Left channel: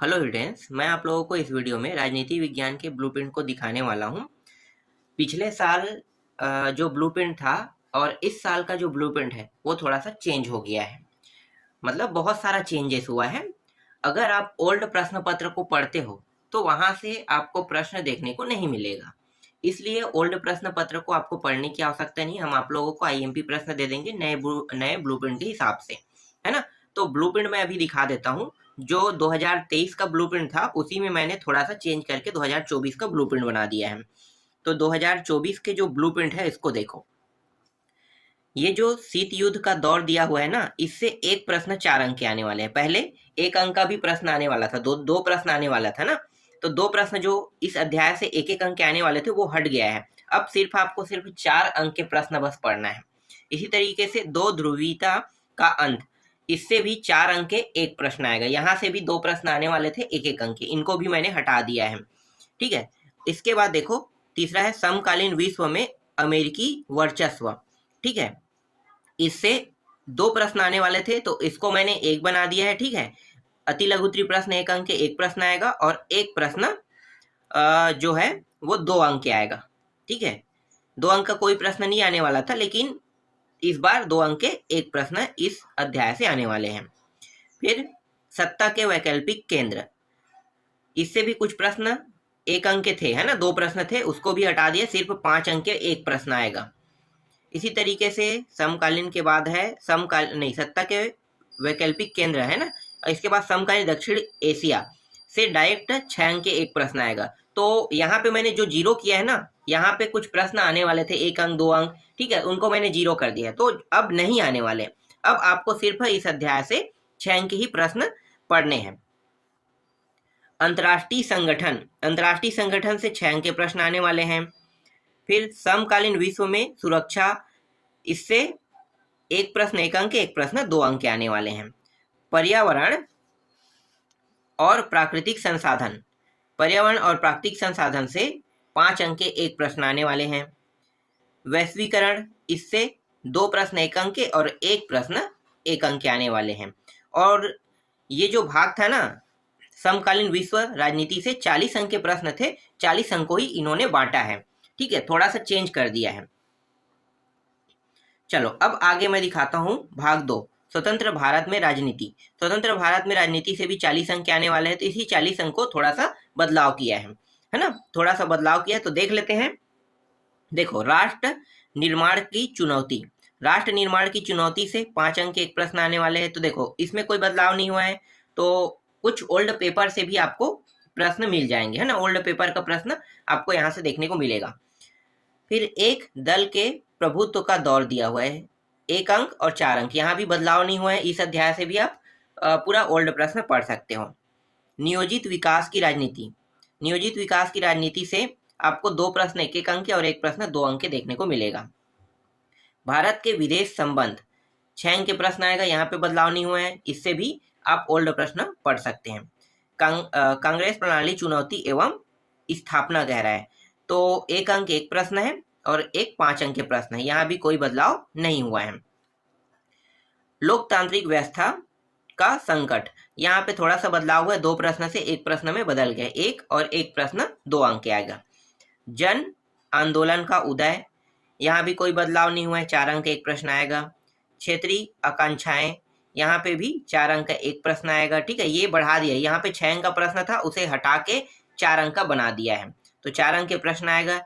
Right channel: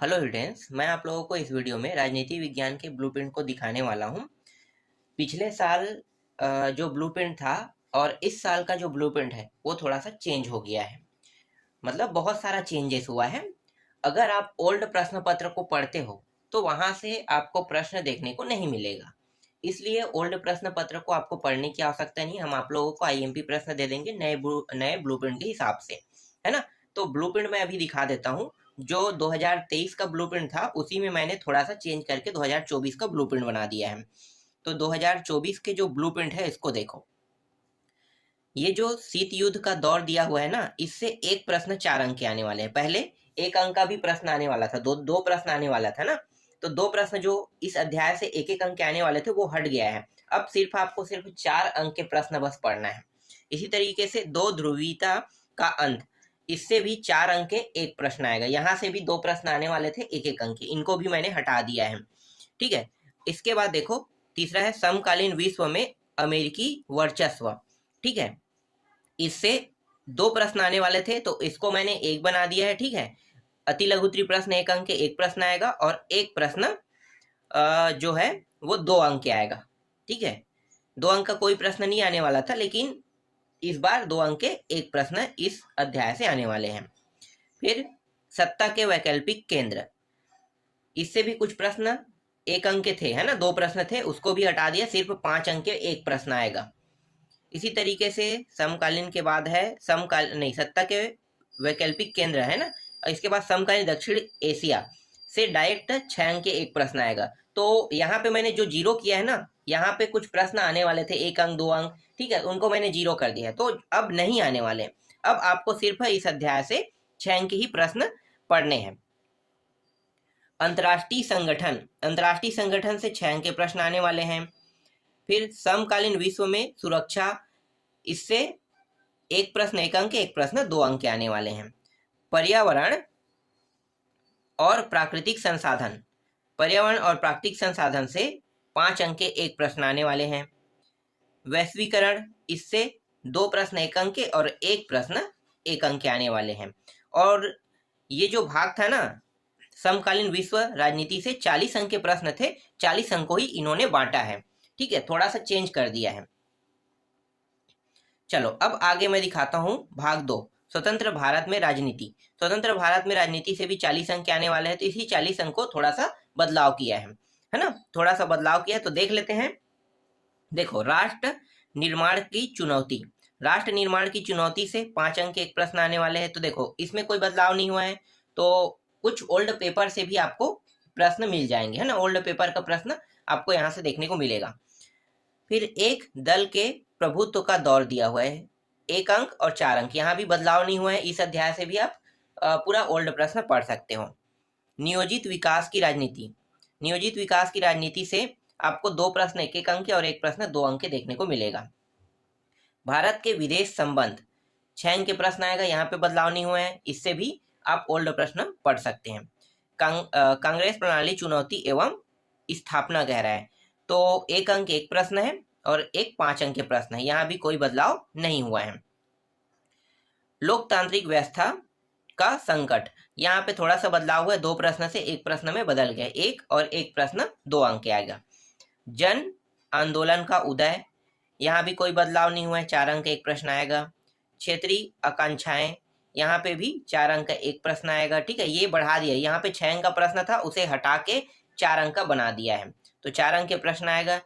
Hello students, मैं आप लोगों को इस वीडियो में राजनीति विज्ञान के ब्लूप्रिंट को दिखाने वाला हूं। पिछले साल जो ब्लूप्रिंट था और इस साल का जो ब्लूप्रिंट है वो थोड़ा सा चेंज हो गया है। मतलब बहुत सारा चेंजेस हुआ है। अगर आप ओल्ड प्रश्न पत्र को पढ़ते हो तो वहां से आपको प्रश्न देखने को नहीं मिलेगा। इसलिए ओल्ड प्रश्न पत्र को आपको पढ़ने की आवश्यकता नहीं। हम आप लोगों को आईएमपी प्रश्न दे देंगे नए ब्लूप्रिंट के हिसाब से, है ना। तो ब्लूप्रिंट मैं अभी दिखा देता हूँ। जो 2023 का ब्लूप्रिंट था उसी में मैंने थोड़ा सा चेंज करके 2024 का ब्लूप्रिंट बना दिया है। तो 2024 के जो ब्लूप्रिंट है इसको देखो। ये जो शीत युद्ध का दौर दिया हुआ है ना, इससे एक प्रश्न 4 अंक के आने वाले हैं। पहले 1 अंक का भी प्रश्न आने वाला था, दो प्रश्न आने वाला था ना। तो 2 प्रश्न जो इस अध्याय से 1-1 अंक के आने वाले थे वो हट गया है। अब सिर्फ आपको सिर्फ 4 अंक के प्रश्न बस पढ़ना है। इसी तरीके से 2 ध्रुवीयता का अंत, इससे भी 4 अंक के एक प्रश्न आएगा। यहाँ से भी 2 प्रश्न आने वाले थे 1-1 अंक के, इनको भी मैंने हटा दिया है। ठीक है। इसके बाद देखो, तीसरा है समकालीन विश्व में अमेरिकी वर्चस्व। ठीक है। इससे 2 प्रश्न आने वाले थे तो इसको मैंने 1 बना दिया है। ठीक है। अति लघु प्रश्न 1 अंक के एक प्रश्न आएगा और एक प्रश्न जो है वो 2 अंक के आएगा। ठीक है। 2 अंक का कोई प्रश्न नहीं आने वाला था, लेकिन इस बार 2 अंक के एक प्रश्न इस अध्याय से आने वाले हैं। फिर सत्ता के वैकल्पिक केंद्र, इससे भी कुछ प्रश्न 1 अंक के थे, है ना। 2 प्रश्न थे, उसको भी हटा दिया, सिर्फ 5 अंक के एक प्रश्न आएगा। इसी तरीके से समकालीन के बाद है सत्ता के वैकल्पिक केंद्र, है ना। इसके बाद समकालीन दक्षिण एशिया से डायरेक्ट 6 अंक के एक प्रश्न आएगा। तो यहाँ पे मैंने जो जीरो किया है ना, यहाँ पे कुछ प्रश्न आने वाले थे 1 अंक 2 अंक, ठीक है, उनको मैंने जीरो कर दिया है, तो अब नहीं आने वाले। अब आपको सिर्फ इस अध्याय से 6 अंक ही प्रश्न पढ़ने हैं। अंतर्राष्ट्रीय संगठन से 6 अंक के प्रश्न आने वाले हैं। फिर समकालीन विश्व में सुरक्षा, इससे एक प्रश्न 1 अंक, एक प्रश्न 2 अंक के आने वाले हैं। पर्यावरण और प्राकृतिक संसाधन से 5 अंक के एक प्रश्न आने वाले हैं। वैश्वीकरण, इससे 2 प्रश्न 1 अंक के और एक प्रश्न 1 अंक के आने वाले हैं। और ये जो भाग था ना, समकालीन विश्व राजनीति से 40 अंक के प्रश्न थे, 40 अंक को ही इन्होंने बांटा है। ठीक है, थोड़ा सा चेंज कर दिया है। चलो अब आगे मैं दिखाता हूँ भाग 2, स्वतंत्र भारत में राजनीति। स्वतंत्र भारत में राजनीति से भी 40 अंक के आने वाले हैं, तो इसी 40 अंक को थोड़ा सा बदलाव किया है ना। थोड़ा सा बदलाव किया, तो देख लेते हैं। देखो, राष्ट्र निर्माण की चुनौती से 5 अंक के एक प्रश्न आने वाले हैं। तो देखो, इसमें कोई बदलाव नहीं हुआ है, तो कुछ ओल्ड पेपर से भी आपको प्रश्न मिल जाएंगे, है ना। ओल्ड पेपर का प्रश्न आपको यहाँ से देखने को मिलेगा। फिर एक दल के प्रभुत्व का दौर दिया हुआ है, 1 अंक और 4 अंक, यहाँ भी बदलाव नहीं हुआ है। इस अध्याय से भी आप पूरा ओल्ड प्रश्न पढ़ सकते हो। नियोजित विकास की राजनीति से आपको 2 प्रश्न 1-1 अंक के और एक प्रश्न 2 अंक के देखने को मिलेगा। भारत के विदेश संबंध, 6 अंक के प्रश्न आएगा, यहाँ पे बदलाव नहीं हुआ है, इससे भी आप ओल्ड प्रश्न पढ़ सकते हैं। कांग्रेस प्रणाली चुनौती एवं स्थापना कह रहा है, तो 1 अंक एक प्रश्न है और एक 5 अंक के प्रश्न है, यहाँ भी कोई बदलाव नहीं हुआ है। लोकतांत्रिक व्यवस्था का संकट, यहाँ पे थोड़ा सा बदलाव हुआ है, 2 प्रश्न से एक प्रश्न में बदल गया, 1 और एक प्रश्न 2 अंक के आएगा। जन आंदोलन का उदय, यहाँ भी कोई बदलाव नहीं हुआ है, 4 अंक एक प्रश्न आएगा। क्षेत्रीय आकांक्षाएं, यहाँ पे भी 4 अंक का एक प्रश्न आएगा। ठीक है, ये बढ़ा दिया, यहाँ पे 6 अंक का प्रश्न था, उसे हटा के 4 अंक का बना दिया है, तो 4 अंक के प्रश्न आएगा।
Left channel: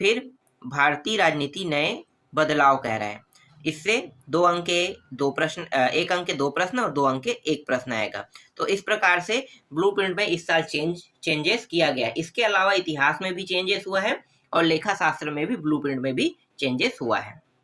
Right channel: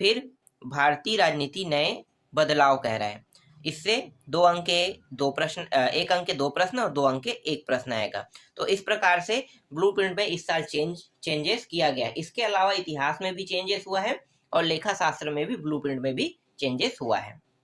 फिर भारतीय राजनीति नए बदलाव कह रहा है, इससे 2 अंक के 2 प्रश्न, 1 अंक के 2 प्रश्न और 2 अंक के एक प्रश्न आएगा। तो इस प्रकार से ब्लूप्रिंट में इस साल चेंजेस किया गया। इसके अलावा इतिहास में भी चेंजेस हुआ है और लेखा शास्त्र में भी ब्लूप्रिंट में भी चेंजेस हुआ है।